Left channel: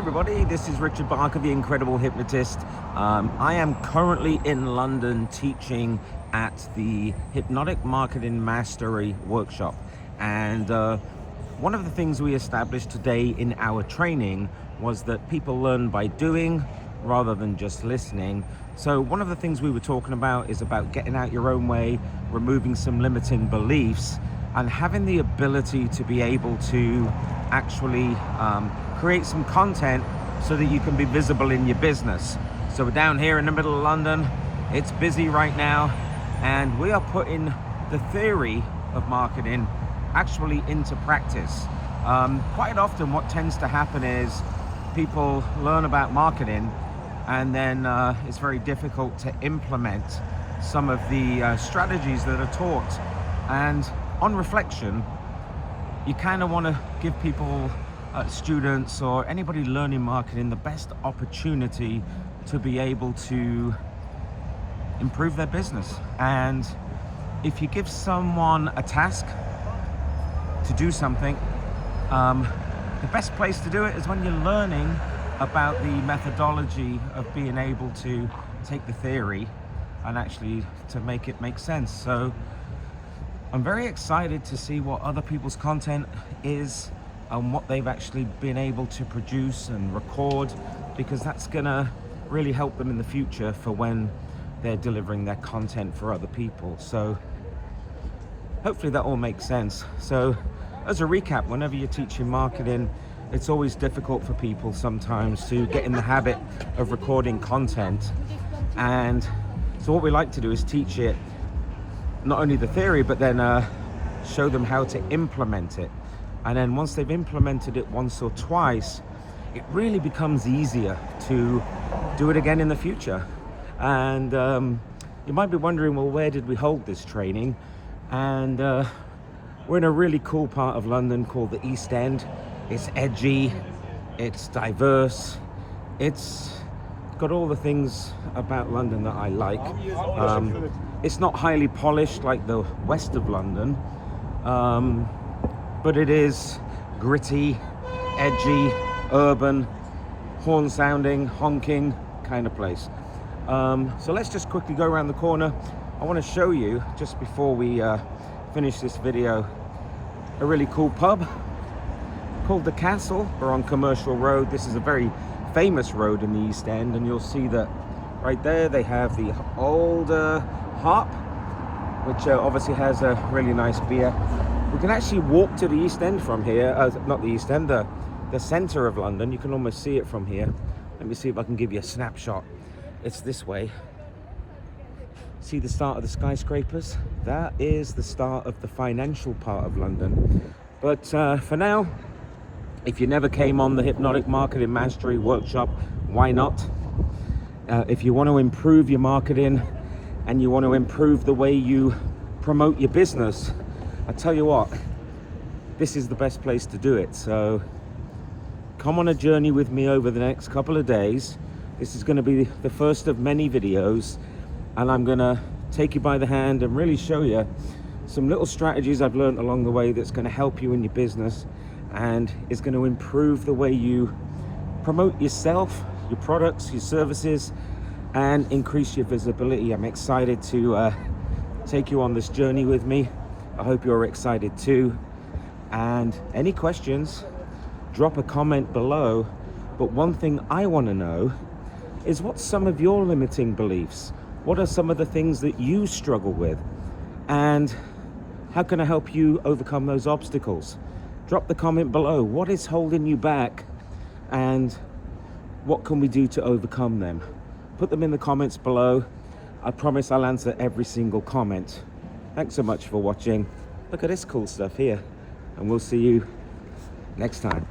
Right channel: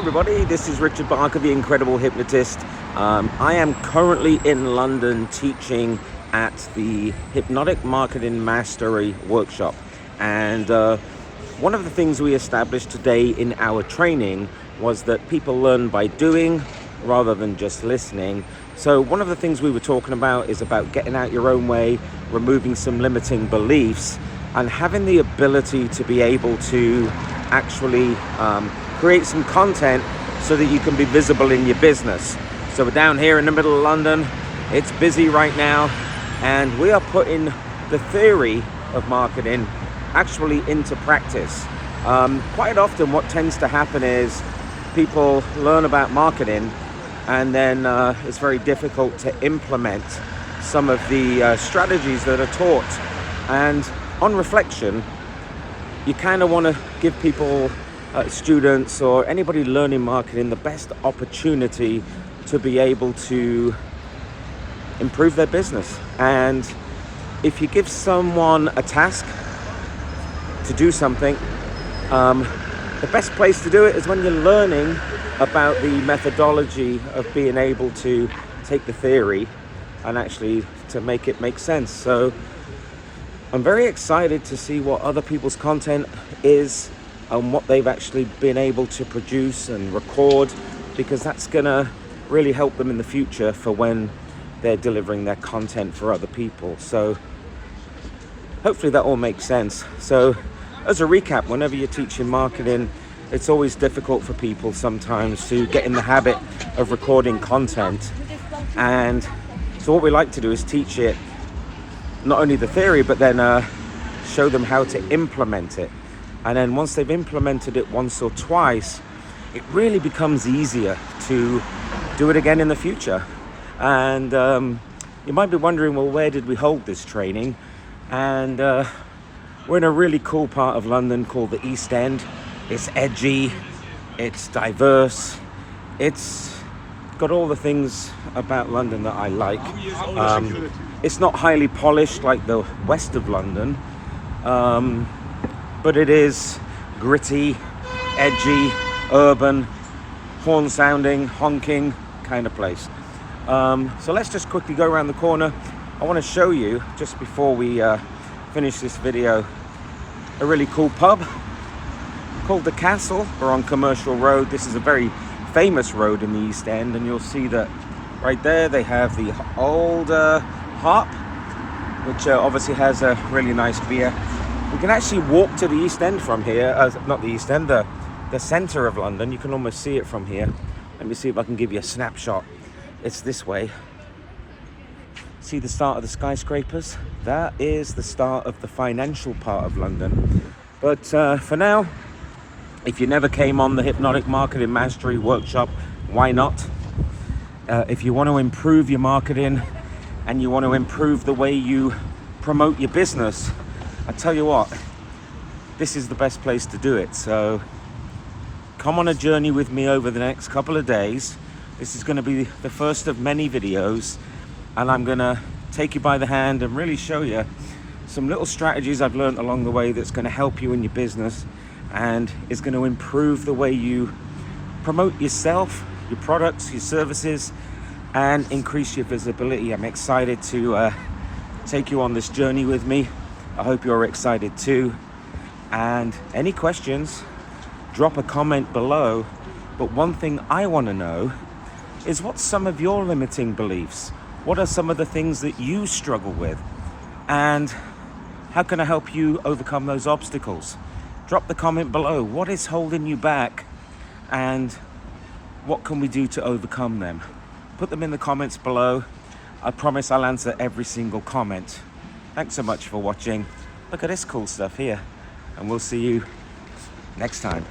everybody, this is Richard Barker, the Incredible Hypnotist. I am currently in London teaching at the Hypnotic Marketing Mastery workshop, and one of the things we established today in our training was that people learn by doing rather than just listening. So one of the things we were talking about is about getting out your own way, removing some limiting beliefs, and having the ability to be able to actually create some content so that you can be visible in your business. So we're down here in the middle of London. It's busy right now, and we are putting the theory of marketing actually into practice. Quite often what tends to happen is people learn about marketing, and then it's very difficult to implement some of the strategies that are taught. And on reflection, you kind of want to give people, students or anybody learning marketing, the best opportunity to be able to improve their business. And if you give someone a task to do something, the best place to do it is when you're learning about the methodology of being able to take the theory and actually to make it make sense. So I'm very excited to see what other people's content is and what they've actually been able to produce and record, because that's gonna really help them in the future for when they're delivering their content for other people. So hopefully that all makes sense. So as a recap, whenever you're teaching marketing, it's always difficult for people sometimes to get in the habit of recording content. And so what we like to do is teach it, not only the theory, but then show them how to implement it. And then once they've implemented it once or twice, it really becomes easier to do it again in the future. And you might be wondering, well, where did we hold this training? And we're in a really cool part of London called the East End. It's edgy, it's diverse, it's got all the things about London that I like. It's not highly polished like the west of London, but it is gritty, edgy, urban, horn sounding, honking kind of place. So let's just quickly go around the corner. I want to show you, just before we finish this video, a really cool pub called The Castle. We're on Commercial Road. This is a very famous road in the East End, and you'll see that right there they have the Old Harp, which obviously has a really nice beer. We can actually walk to the East End from here, not the East End, the center of London. You can almost see it from here. Let me see if I can give you a snapshot. It's this way. See the start of the skyscrapers? That is the start of the financial part of London. But for now, if you never came on the Hypnotic Marketing Mastery workshop, why not? If you want to improve your marketing and you want to improve the way you promote your business, I tell you what, this is the best place to do it. So come on a journey with me over the next couple of days. This is going to be the first of many videos, and I'm going to take you by the hand and really show you some little strategies I've learned along the way that's going to help you in your business and is going to improve the way you promote yourself, your products, your services, and increase your visibility. I'm excited to take you on this journey with me. I hope you're excited too. And any questions, drop a comment below. But one thing I want to know is, what's some of your limiting beliefs? What are some of the things that you struggle with? And how can I help you overcome those obstacles? Drop the comment below. What is holding you back, and what can we do to overcome them? Put them in the comments below. I promise I'll answer every single comment. Thanks so much for watching. Look at this cool stuff here, and we'll see you next time.